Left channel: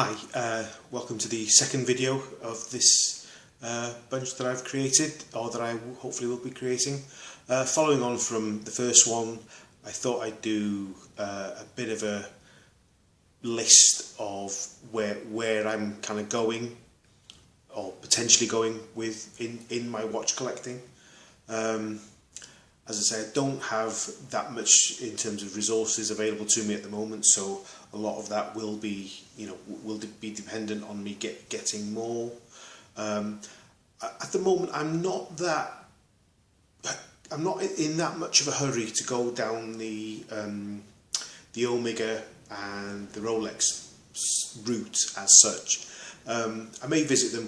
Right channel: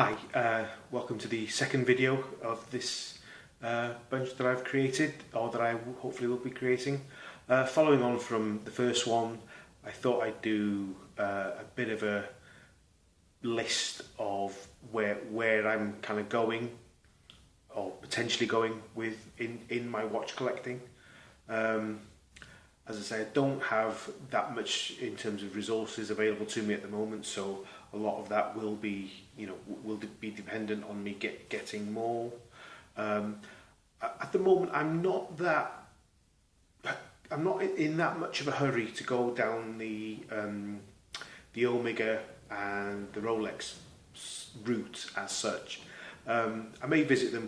Hi, welcome to the second video of this bunch that I've created, or that I hopefully will be creating. Following on from the first one, I thought I'd do a bit of a list of where I'm kind of going, or potentially going with in my watch collecting. As I say, I don't have that much in terms of resources available to me at the moment, so a lot of that will be, will be dependent on me getting more. At the moment, I'm not in that much of a hurry to go down the Omega and the Rolex route as such. I may visit them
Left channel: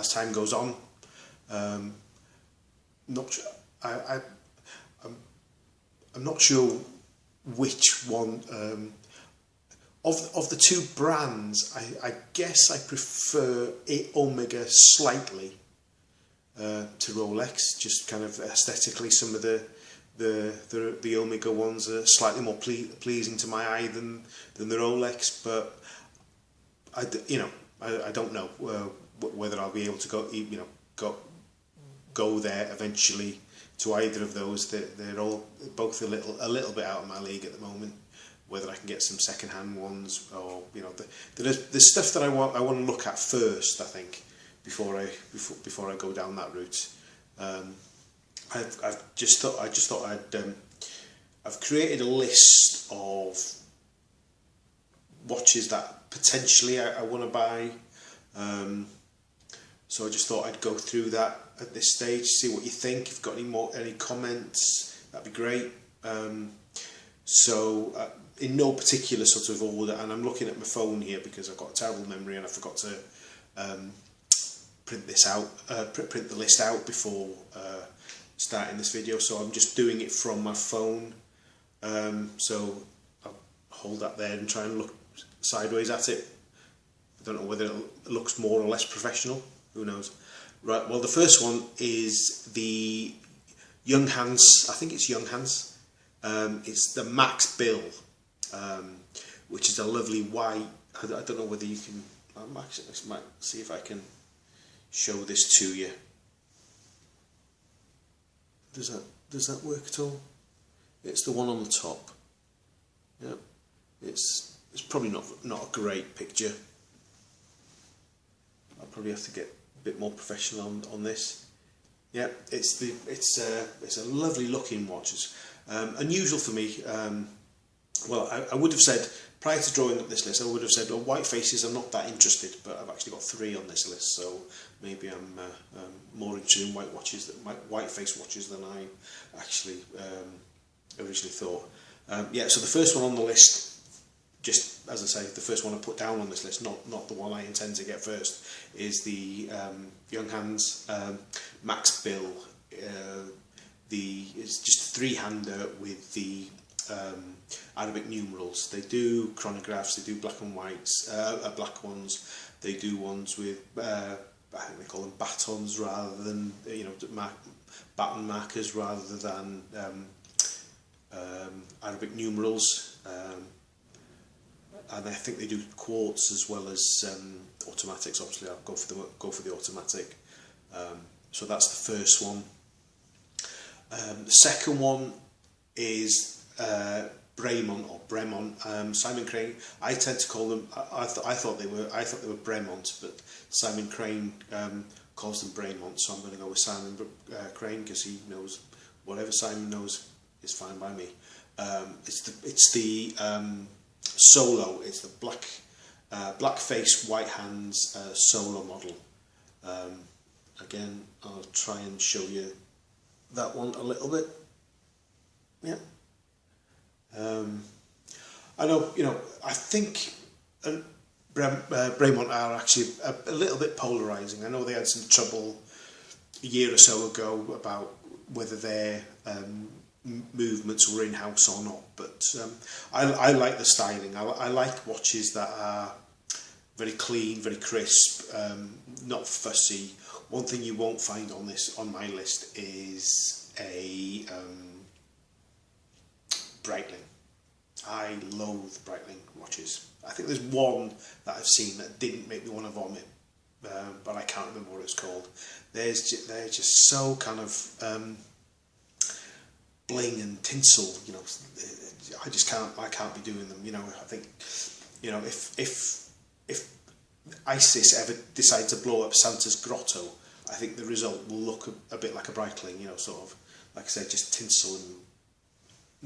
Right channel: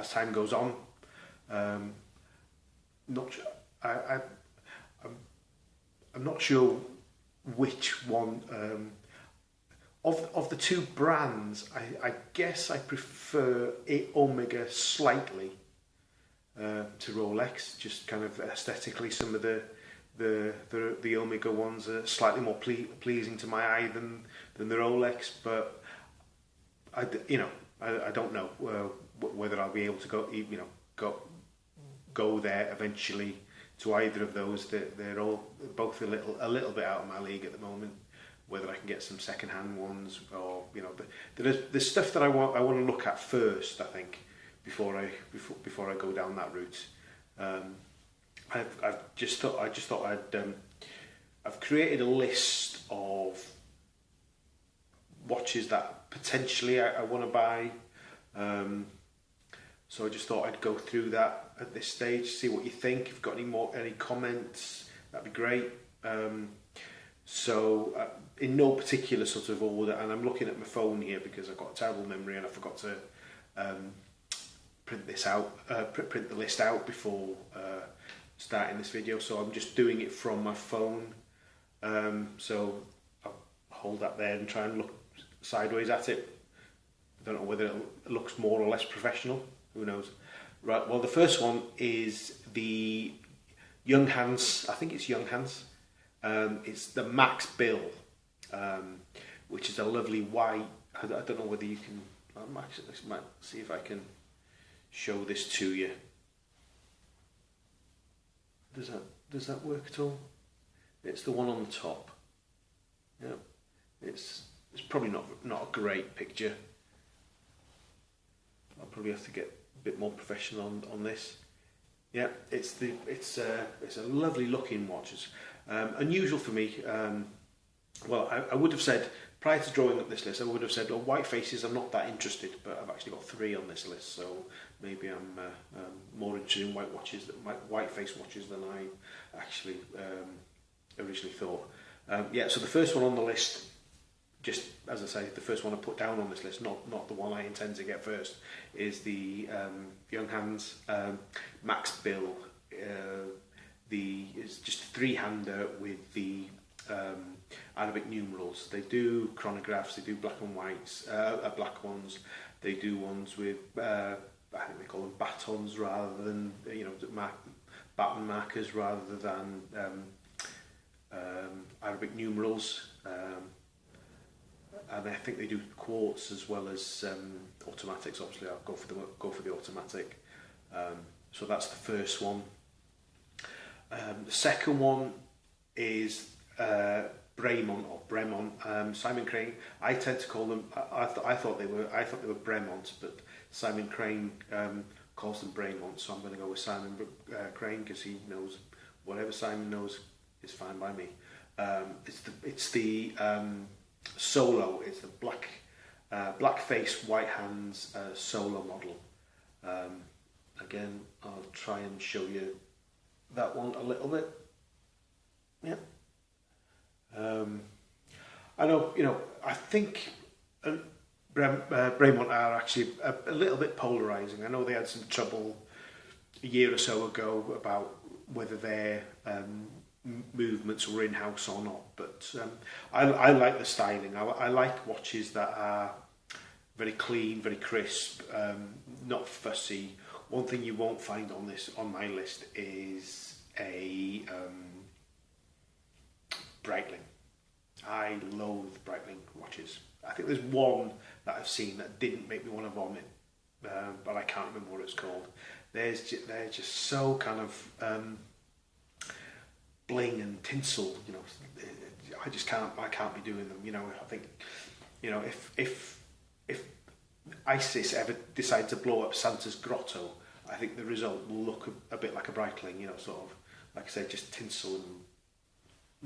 as time goes on. I'm not sure which one of the two brands. I guess I prefer Omega slightly to Rolex, just kind of aesthetically. Some of the Omega ones are slightly more pleasing to my eye than the Rolex, but I don't know whether I'll be able to go there eventually to either of those. They're all both a little bit out of my league at the moment. Whether I can get some second-hand ones, or there's stuff that I want to look at first, I think, before I go down that route. I've just thought I've created a list of watches that potentially I want to buy. So I just thought I'd go through that at this stage, see what you think. If you've got any comments, that'd be great. In no particular sort of order, and I'm looking at my phone here because I've got a terrible memory and I forgot to print this out, print the list out before starting this video. So I'm just doing it from my phone. So I'll hold that there and try and look sideways at it. I don't know whether it looks more or less professional. Who knows? Right. Well, the first one is the Young Hans. I think it's Young Hans. It's the Max Bill, which is a lovely white. I don't know whether you can. Actually, let's see if I can show this to you. Does that work at all? It's the one on the top. Yeah, it's probably not a great picture. I'll probably have to get a bit more professional on this. Yeah, it's a lovely looking watch. It's unusual for me. Well, I would have said, prior to drawing up this list, I would have said, well, white faces, I'm not that interested, but I've actually got 3 on this list, so maybe I'm more interested in white face watches than I actually originally thought. Yeah, so the first one on the list, just as I say, the first one I put down on this list, not the one I intend to get first, is the Young Hans Max Bill. It's just a 3-hander with the Arabic numerals. They do chronographs, they do black and whites, black ones. They do ones with I think they call them batons rather than baton markers rather than Arabic numerals. And I think they do quartz as well as automatics. Obviously, I'll go for the automatic. So that's the first one. The second one is Bremont or Bremont. Simon Crane. I tend to call them. I thought they were Bremont, but Simon Crane calls them Bremont. So I'm going to go with Simon Crane because he knows whatever Simon knows is fine by me. It's the Solo. It's the black face, white hands Solo model. Again, I'll try and show you that one a little bit. Yeah. I know, I think Bremont are actually a little bit polarising. I know they had some trouble a year or so ago about whether their movements were in-house or not, but I like the styling. I like watches that are very clean, very crisp, not fussy. One thing you won't find on my list is a Breitling. I loathe Breitling watches. I think there's so kind of bling and tinsel, you know. I can't be doing them, you know. I think, you know, if ISIS ever decide to blow up Santa's grotto, I think the result will look a bit like a Breitling, you know, sort of, like I said, just tinsel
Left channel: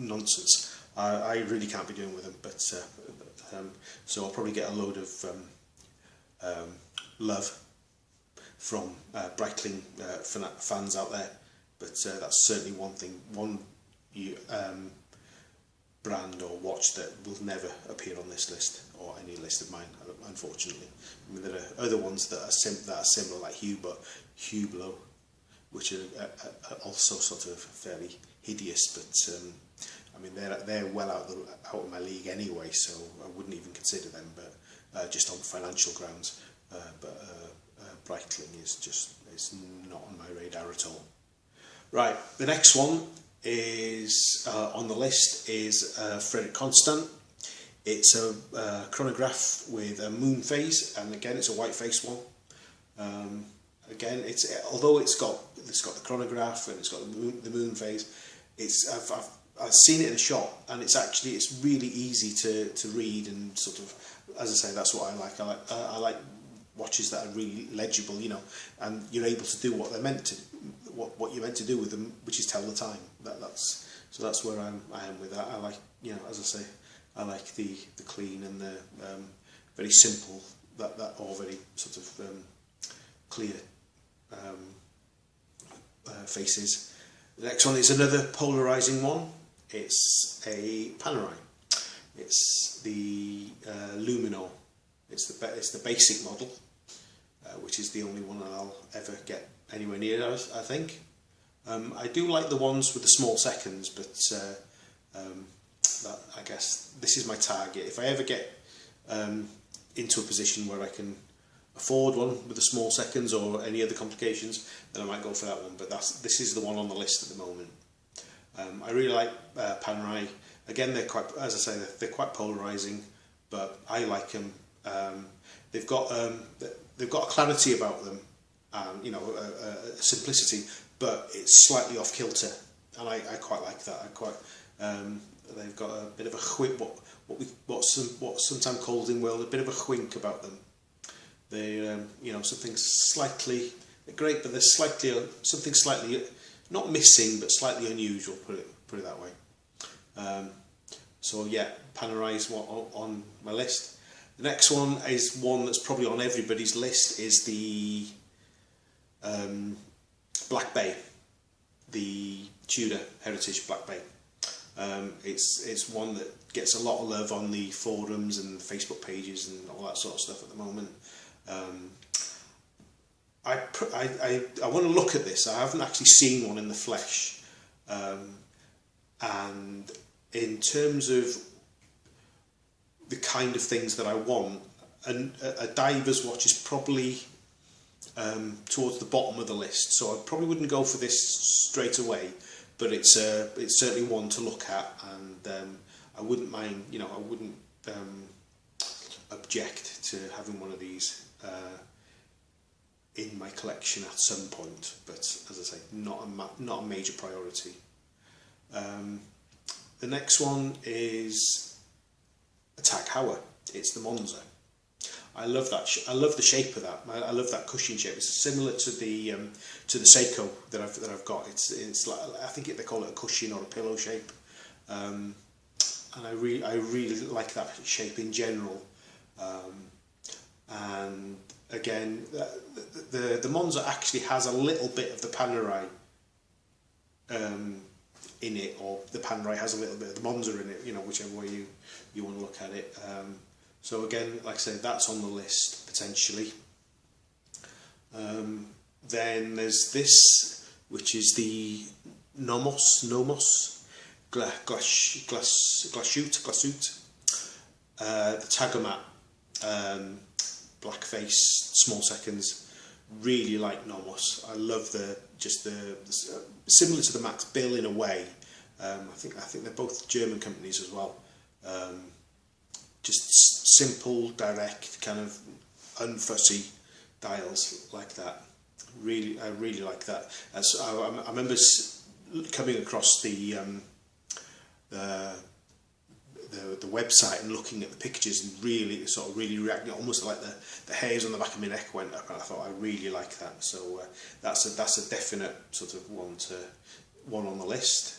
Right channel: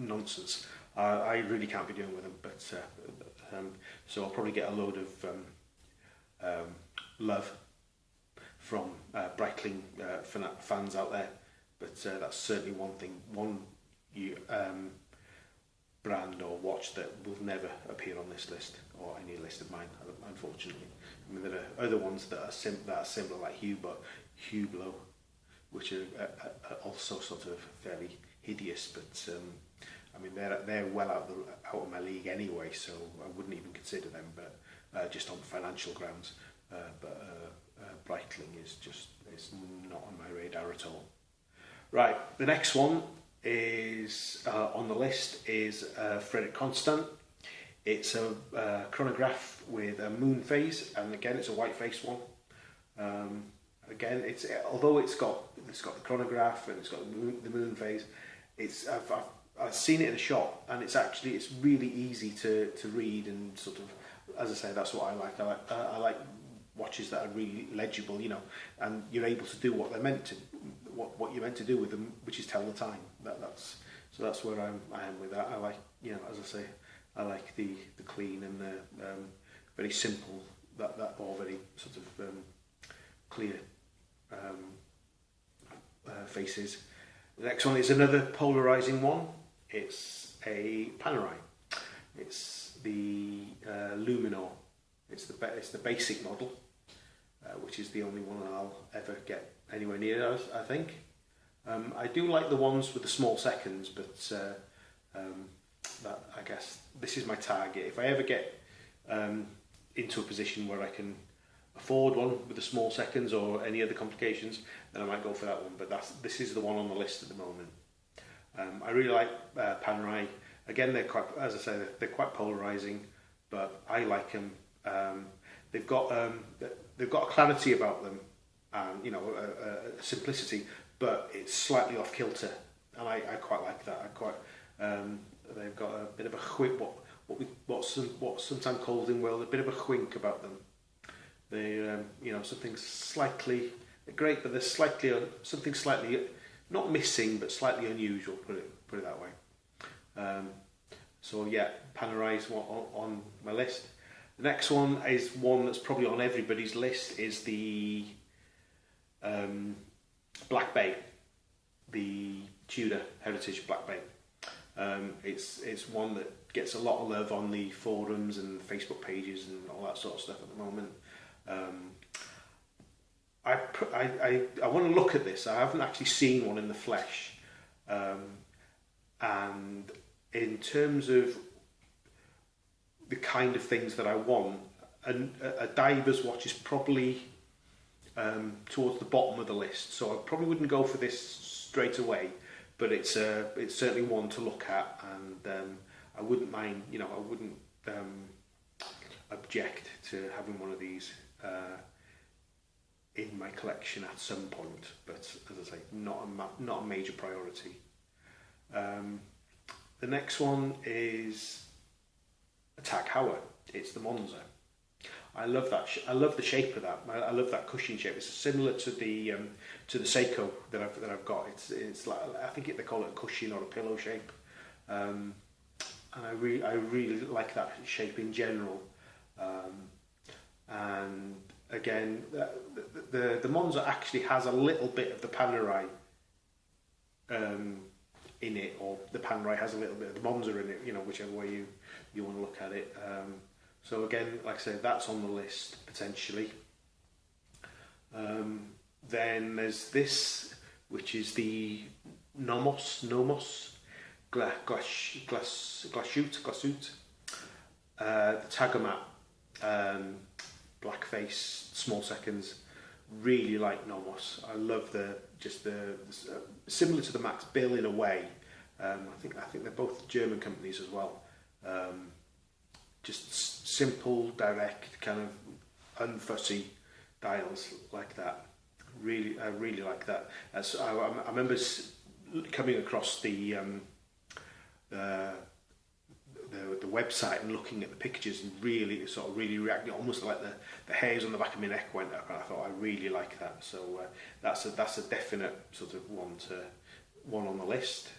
and nonsense. I really can't be doing with them, but so I'll probably get a load of love from Breitling fans out there, but that's certainly one brand or watch that will never appear on this list, or any list of mine, unfortunately. I mean, there are other ones that are similar, like Hublot, which are also sort of fairly hideous, but I mean, they're well out of my league anyway, so I wouldn't even consider them, but just on financial grounds. But Breitling is not on my radar at all. Right, the next one is on the list is Frederick Constant. It's a chronograph with a moon phase, and again it's a white face one. Again, although it's got the chronograph and it's got the moon phase, I've seen it in a shop, and it's really easy to read, and sort of, as I say, that's what I like. I like watches that are really legible, you know, and you're able to do what they're meant to, what you're meant to do with them, which is tell the time. So that's where I am with that. I like, you know, as I say, I like the clean and the very simple, that or very sort of clear faces. The next one is another polarizing one. It's a Panerai. It's the Lumino. It's the basic model, which is the only one I'll ever get anywhere near, I think. I do like the ones with the small seconds, but I guess this is my target. If I ever get into a position where I can afford one with the small seconds or any other complications, then I might go for that one. But this is the one on the list at the moment. I really like Panerai. Again, they're quite, as I say, they're quite polarizing, but I like them. They've got a clarity about them, and you know, a simplicity, but it's slightly off kilter, and I quite like that. They've got a bit of a whip, what's sometimes called in world a bit of a whiink about them. They, you know, something's slightly, they're great, but there's something slightly not missing, but slightly unusual. Put it that way. So yeah, Panerai is on my list. The next one is one that's probably on everybody's list, is the Black Bay, the Tudor Heritage Black Bay. It's one that gets a lot of love on the forums and the Facebook pages and all that sort of stuff at the moment. I want to look at this. I haven't actually seen one in the flesh, and in terms of the kind of things that I want, and a diver's watch is probably towards the bottom of the list, so I probably wouldn't go for this straight away, but it's certainly one to look at, and I wouldn't mind, you know, I wouldn't object to having one of these in my collection at some point, but as I say, not a major priority. The next one is a Tag Heuer. It's the Monza. I love that. I love the shape of that. I love that cushion shape. It's similar to the Seiko that I've got. It's like, I think they call it a cushion or a pillow shape. And I really like that shape in general. And again, the Monza actually has a little bit of the Panerai in it, or the Panerai has a little bit of the Monza in it. You know, whichever way you want to look at it. So again, like I said, that's on the list potentially. Then there's this, which is the Nomos Glashütte, the Tagomat, blackface, small seconds. Really like Nomos. I love the similar to the Max Bill in a way. I think they're both German companies as well. Just simple, direct, kind of unfussy dials like that. I really like that. And so I remember coming across the website and looking at the pictures and really reacting, almost like the hairs on the back of my neck went up, and I thought I really like that. So that's a definite sort of one on the list.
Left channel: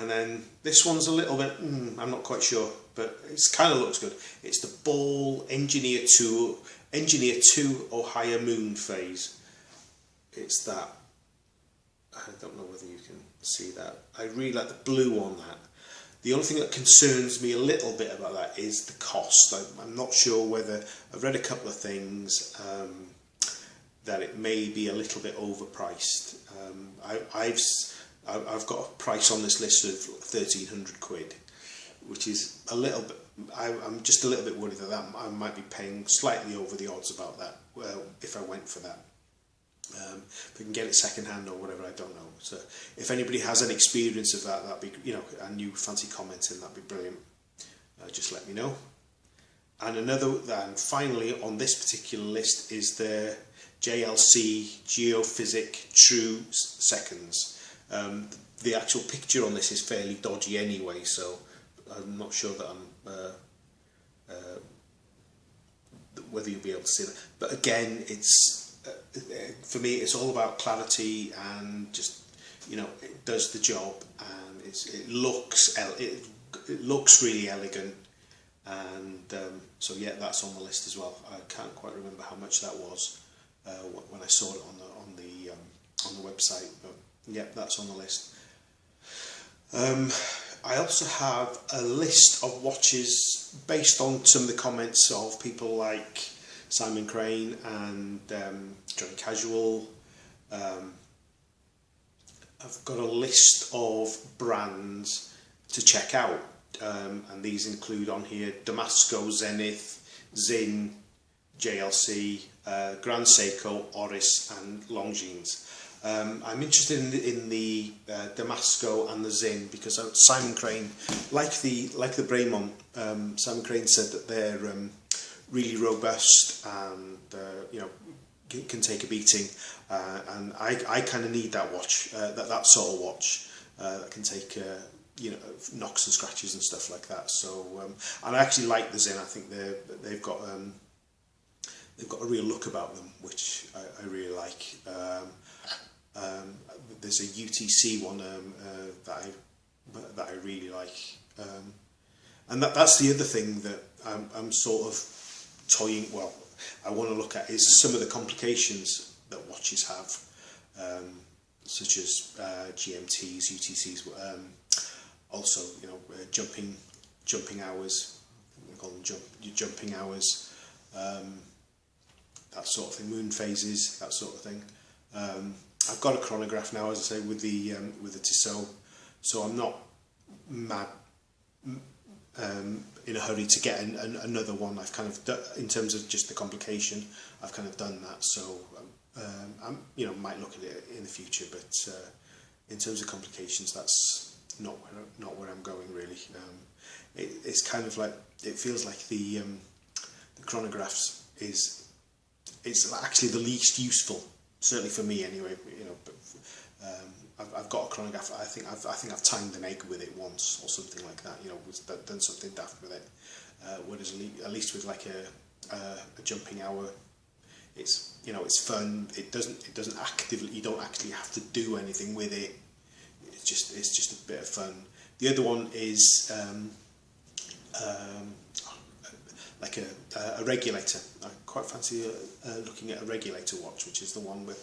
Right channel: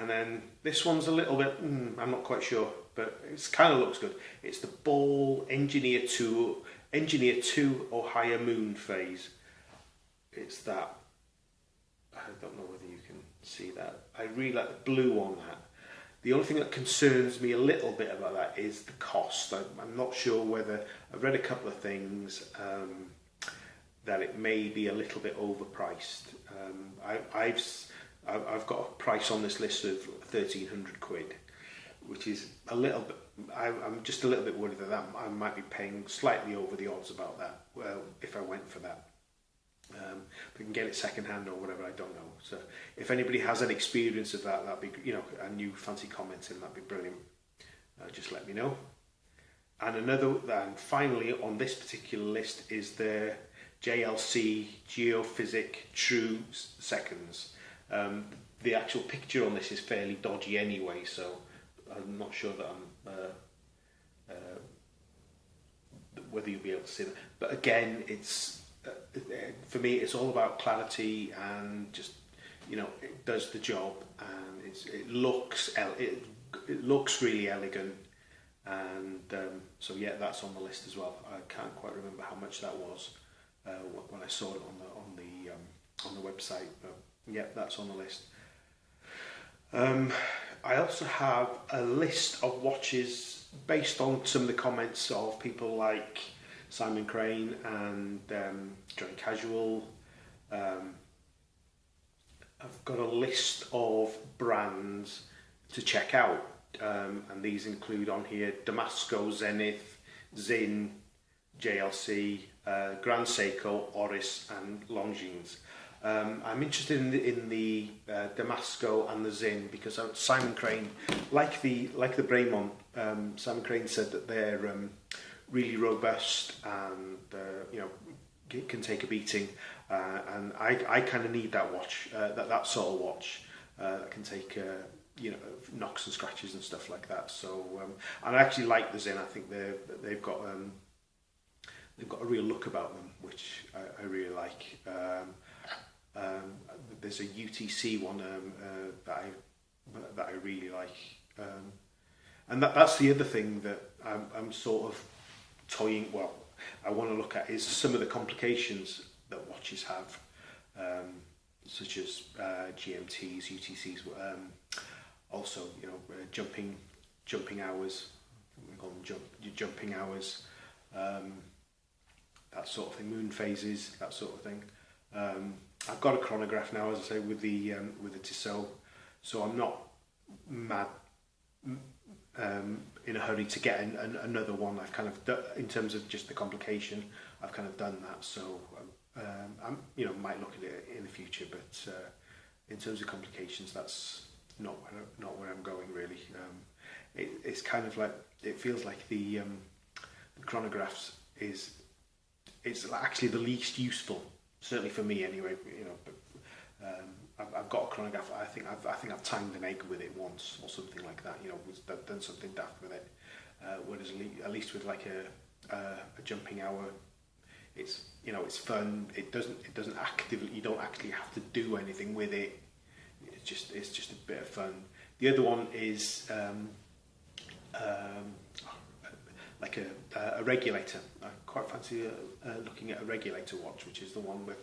And then this one's a little bit, I'm not quite sure, but it kind of looks good. It's the Ball Engineer 2 or Higher Moon phase. It's that. I don't know whether you can see that. I really like the blue on that. The only thing that concerns me a little bit about that is the cost. I'm not sure whether, I've read a couple of things that it may be a little bit overpriced. I've got a price on this list of 1,300 quid, which is a little bit, I'm just a little bit worried that I might be paying slightly over the odds about that, well, if I went for that. If I can get it second hand or whatever, I don't know. So if anybody has any experience of that, that'd be, and you fancy commenting, that'd be brilliant. Just let me know. And finally on this particular list is the JLC Geophysic True Seconds. The actual picture on this is fairly dodgy anyway, so I'm not sure that whether you'll be able to see that. But again, it's for me, it's all about clarity and just, it does the job, and it looks really elegant, and so yeah, that's on the list as well. I can't quite remember how much that was when I saw it on the website, but yeah, that's on the list. I also have a list of watches based on some of the comments of people like Simon Crane and Johnny Casual. I've got a list of brands to check out, and these include on here Damasco, Zenith, Zin, JLC, Grand Seiko, Oris and Longines. I'm interested in the Damasco and the Zin because Simon Crane, like the Braemont, Simon Crane said that they're really robust and can take a beating, and I kind of need that watch, that sort of watch can take knocks and scratches and stuff like that. So and I actually like the Zin. I think they've got a real look about them, which I really like. There's a UTC one that I really like, and that's the other thing that I'm sort of toying. Well, I want to look at is some of the complications that watches have, such as GMTs, UTCs, also jumping hours, jumping hours, that sort of thing, moon phases, that sort of thing. I've got a chronograph now, as I say, with the Tissot, so I'm not mad in a hurry to get another one. I've kind of done, in terms of just the complication, I've kind of done that. So I might look at it in the future, but in terms of complications, that's not where I'm going really. It's kind of like, it feels like the chronographs it's actually the least useful, certainly for me anyway. But I've got a chronograph. I think I've timed an egg with it once or something like that. Done something daft with it. Whereas at least with like a jumping hour, it's fun. It doesn't actively, you don't actually have to do anything with it. It's just a bit of fun. The other one is like a regulator. I quite fancy looking at a regulator watch, which is the one with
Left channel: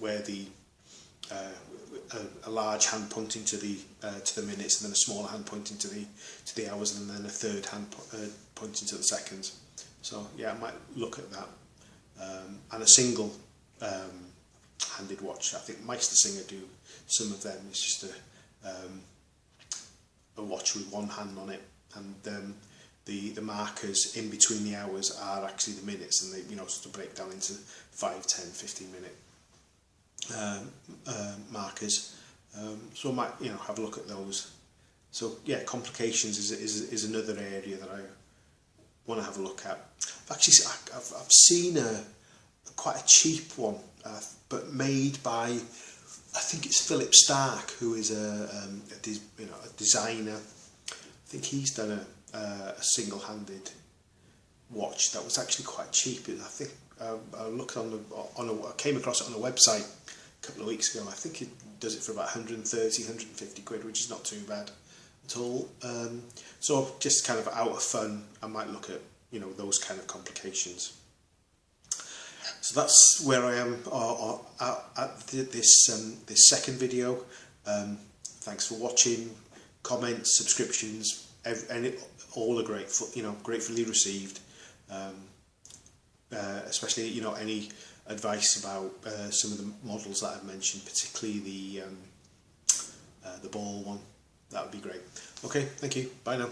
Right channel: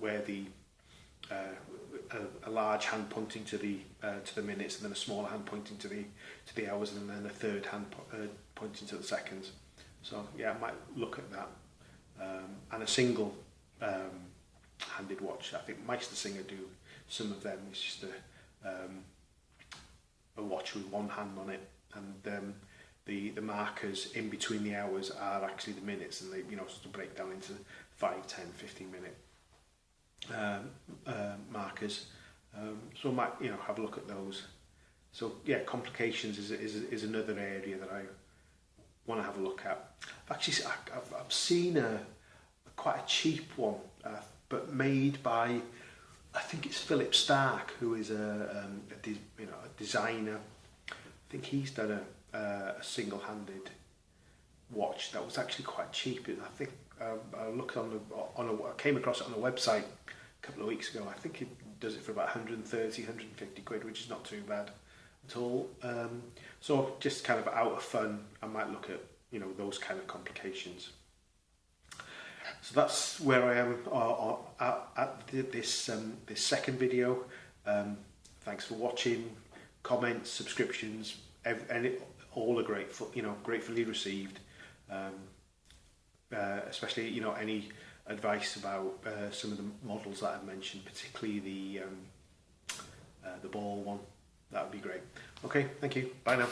where a large hand pointing to the minutes, and then a small hand pointing to the hours, and then a third hand pointing to the seconds. So yeah, I might look at that. And a single handed watch. I think Meistersinger do some of them. It's just a watch with one hand on it, and the markers in between the hours are actually the minutes, and they sort of break down into 5, 10, 15 minute markers. So I might have a look at those. So yeah, complications is another area that I want to have a look at. Actually, I've seen quite a cheap Philip Stark, who is a designer. I think he's done a single-handed watch that was actually quite cheap. I think I looked I came across it on a website a couple of weeks ago. I think it does it for about 130, 150 quid, which is not too bad at all. So just kind of out of fun, I might look at those kind of complications. So that's where I am at this second video. Thanks for watching. Comments, subscriptions, all are grateful. Gratefully received. Especially any advice about some of the models that I've mentioned, particularly the ball one. That would be great. Okay, thank you. Bye now.